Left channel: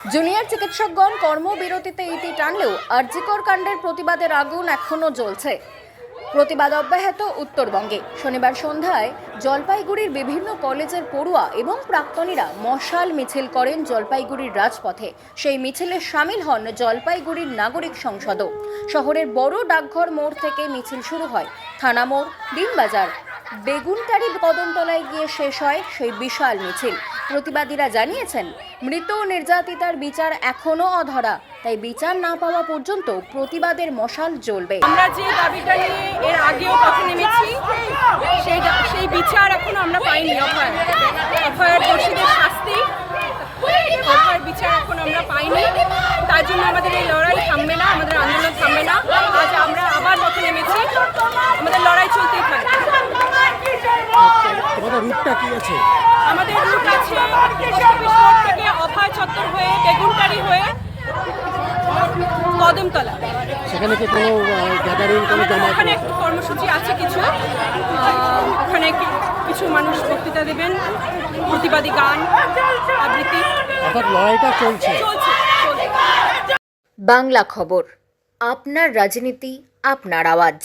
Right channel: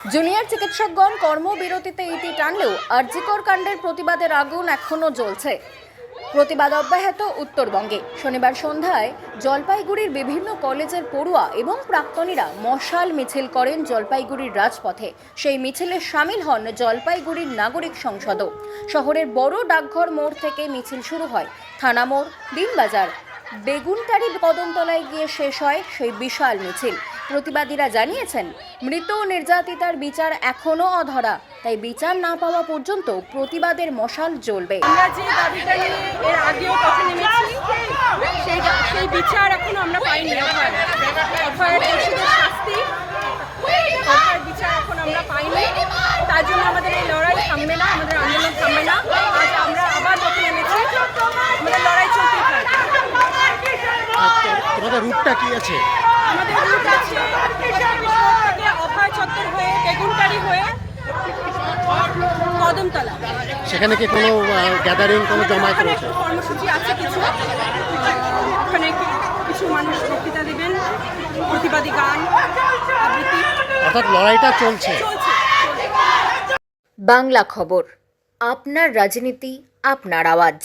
Junior চিকিৎসকগণ কর্মবিরতিতে ইতি টানলেও আরজিকর কাণ্ডের প্রতিবাদের আগুন এখনো জ্বলছে। প্রতিবাদ অব্যাহত উত্তরবঙ্গে। শনিবার সন্ধ্যায় জলপাইগুড়ির বিভিন্ন কলেজের পড়ুয়া এবং প্রাক্তনীরা মশাল মিছিল করেন জলপাইগুড়ির রাজপথে। সেই মিছিলে সামিল হন জলপাইগুড়ির নাগরিক সংসদও। শহরের বড় ডাকঘর মোড় থেকে মিছিল শুরু হয়। থানা মোড়, দিনবাজার, বেগুনটারি, কদমতলায় গিয়ে শেষ হয় সেই বিশাল মিছিল। প্রতিবাদীরা জানিয়েছেন, মৃত নির্যাতিতার বিচার এখনো অধরা, তাই বিচার না পাওয়া পর্যন্ত প্রতিবাদের মশাল জ্বলবে। আমরা যে দাবিটা নিয়ে এর আগেও পথে নেমেছি, সেই বিচার এখনো আমরা পাইনি। অভয়ের দোষীদের শাস্তি, অভয়ের বিচার এখন আমরা পাইনি। তার জন্য আমাদের এই লড়াই থামবে না, আমাদের আন্দোলন থামবে না। আজ আমরা আবার পথে নেমেছি, আমাদের লড়াই চলতেই থাকবে। তোমাদের রুটটা কি আছে? আমাদের রুট আছে পোস্ট অফিস রোড থেকে অভয় চত্বর হয়ে বেগুনটারি হয়ে কদমতলা। সেখানে কি কোনো গ্যাদারিং, কোনো জমায়েত রয়েছে? কর্মসূচি আছে কিছু, ওখানে কিছু মানুষ বক্তৃতা দেবেন, প্রতিবাদী গান আবৃত্তি, অর্থাৎ লড়াইটা চলছে। বাংলা খবর, আপনার রাজনীতি, আপনার আওয়াজ।